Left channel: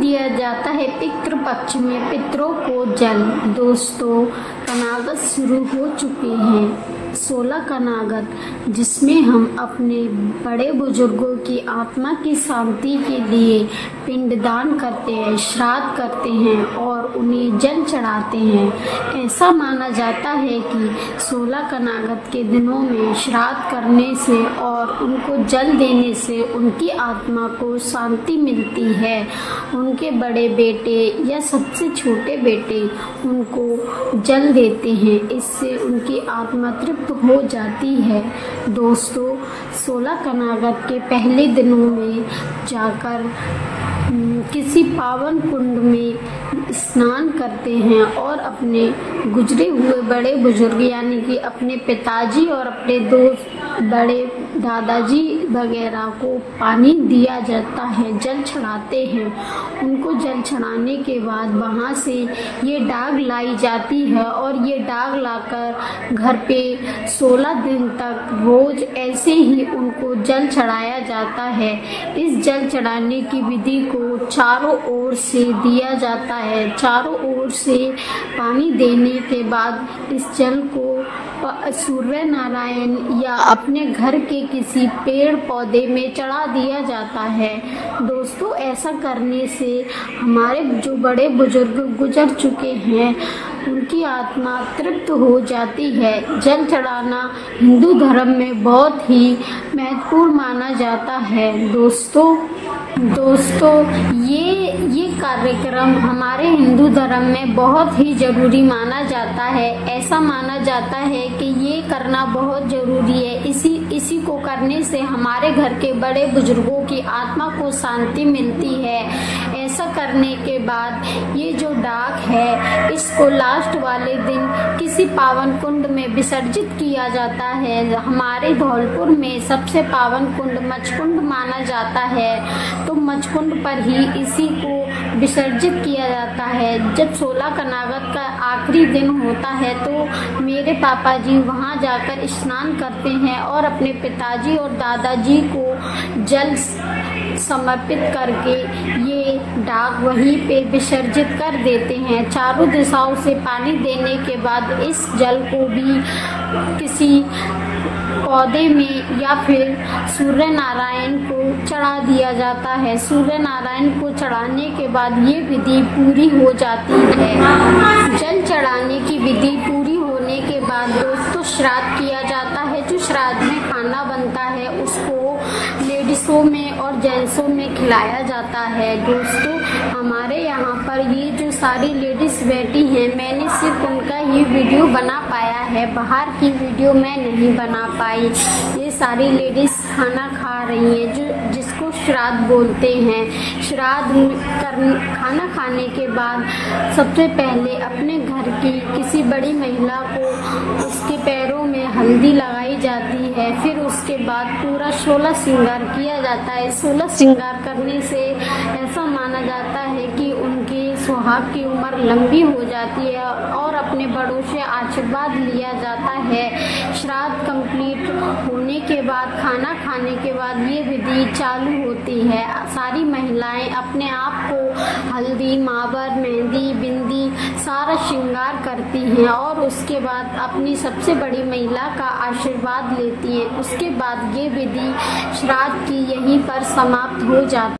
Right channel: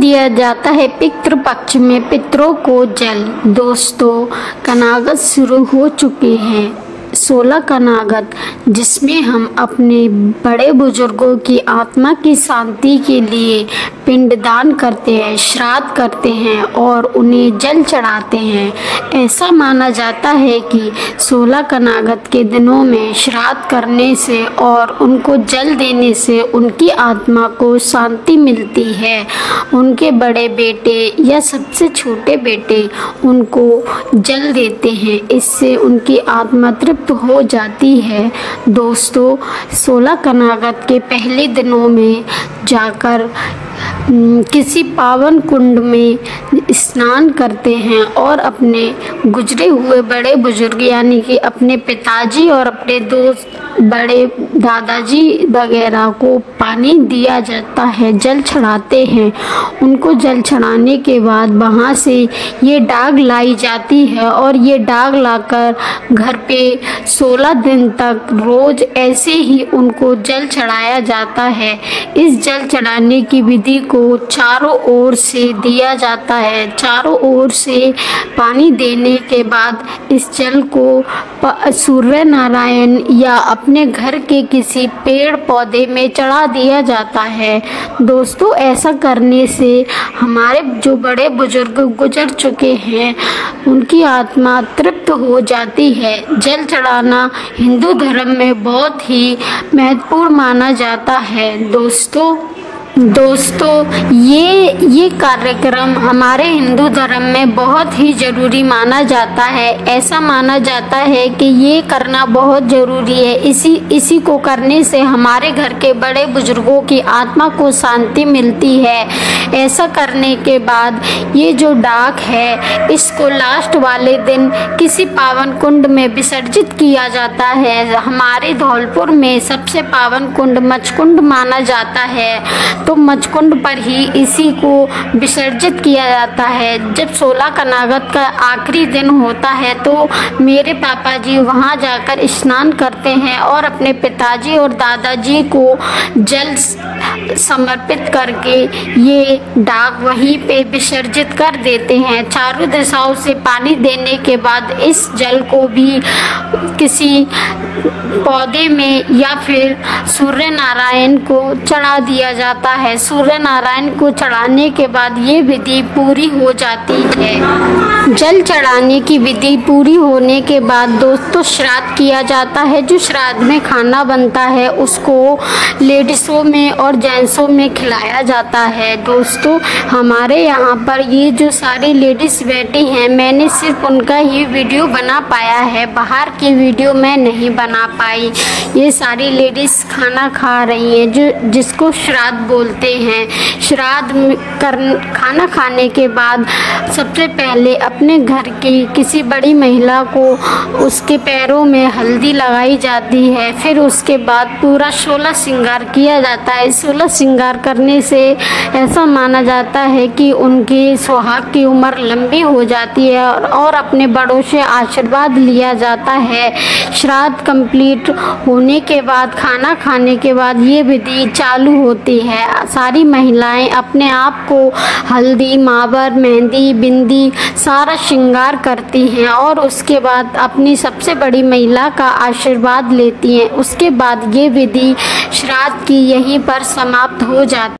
दिया जाता है पितृ पक्ष में पितरों को जल। दोस्तों, कनागत शुरू हो चुके हैं। 16 कनागत, जिसमें हम अपने बड़े बुजुर्गों की आत्मा की शांति के लिए पिंडदान करते हैं, श्राद्ध करते हैं और उन्हें जल चढ़ाते हैं। ऐसा माना जाता है कि 16 कनागत के दिनों में श्राद्ध करने से और उनको जल देने से उनकी आत्मा को शांति मिलती है। उनके बड़े बेटे या सबसे छोटे बेटे उनको जल देते हैं, इससे उनकी आत्मा तृप्त हो जाती है। दोस्तों, 16 कनागत के पहले दिनों में जाकर किसी पावन कुंड में स्नान करते हैं और अपने गुजरे हुए बड़े बुजुर्ग यानी कि अपने पिताजी और अपने दोस्त बड़े दादाजी वगैरह को पानी दिया जाता है, जल चढ़ाते हैं। उनको जल चढ़ाने के बाद वहाँ से ये डाग लाई जाती है और ये डाग लाकर घर पे 16 दिन तक रोज ऐसे ही उनको जल चढ़ाया जाता है। इस जल चढ़ाने की विधि को चारों ओर से दिया जाता है। चारों ओर से पानी देने के बाद इस जल को सूर्य नारायण या अपने घर के किसी पेड़ पौधे में चढ़ा दिया जाता है। दोस्तों, ऐसा करने से हमारे जो बड़े बुजुर्ग गुजर चुके हैं उनकी आत्मा तृप्त हो जाती है। जल चढ़ाना हिंदू धर्म में बहुत ही महत्वपूर्ण माना जाता है। दोस्तों, ये कार्यक्रम हमारे हिंदू धर्म में बहुत ही ज़रूरी माना जाता है। ऐसा माना जाता है कि ये करना बहुत ज़रूरी है। इसी को करने से हमारे घर के बड़े बुजुर्गों की आत्मा को शांति मिलती है। ऐसा करने के बाद ये जो डाक है इसको लास्ट वाले दिन किसी पावन कुंड में विसर्जित किया जाता है। हमारे धौलपुर में सबसे पावन कुंड मचकुंड माना जाता है, तो मचकुंड पर ही इसी को विसर्जित किया जाता है। जब 16 कनागत का आखिरी दिन होता है तो मेरे पापा जी वहाँ जाकर स्नान करते हैं और अपने पिताजी और दादाजी को जल समर्पित करके ये डाक वहीं पे विसर्जित कर देते हैं। चारों दिशाओं से पानी देने के बाद इस जल को भी किसी पौधे में या फिर सूर्य नारायण को चढ़ा दिया जाता है। सूर्य नारायण को चढ़ाने के बाद ये विधि पूरी हो जाती है। जल चढ़ाने की विधि पूरी होने के बाद दोस्तों श्राद्ध किया जाता है। जो श्राद्ध में खाना बनता है उसको लेडीज़ों में और जेंट्सों में खिलाया जाता है। दोस्तों, हमारे यहाँ पर ये जो सारी लेडीज़ बैठी हैं मैंने सिर्फ उनका ही वीडियो बना पाया है, बाहर की वीडियो मैं नहीं बना पाई। ये सारी लेडीज़ खाना खा रही हैं जो जिसको श्राद्ध बोलते हैं। श्राद्ध खाना खाने के बाद सबसे पहले अपने घर की किसी बड़ी महिला को उसके पैरों में हल्दी लगाई जाती है। फिर उसके बाद पूरा 16 श्रृंगार किया जाता है। 16 श्रृंगार करने से ऐसा माना जाता है कि उनकी सुहाग की उम्र लंबी हो जाती है और अपने बड़ों से आशीर्वाद लिया जाता है। श्राद्ध कंप्लीट होने के बाद खाना खाने के बाद ये विधि चालू होती है। सारी महिलाएं अपने आप को हल्दी, मावर, मेहंदी, बिंदी सारा श्रृंगार करती हैं और उसके बाद अपनी सबसे बड़ी महिला का आशीर्वाद लेती हैं। उसके बाद ये विधि श्राद्ध की यहीं पर समाप्त हो जाती है।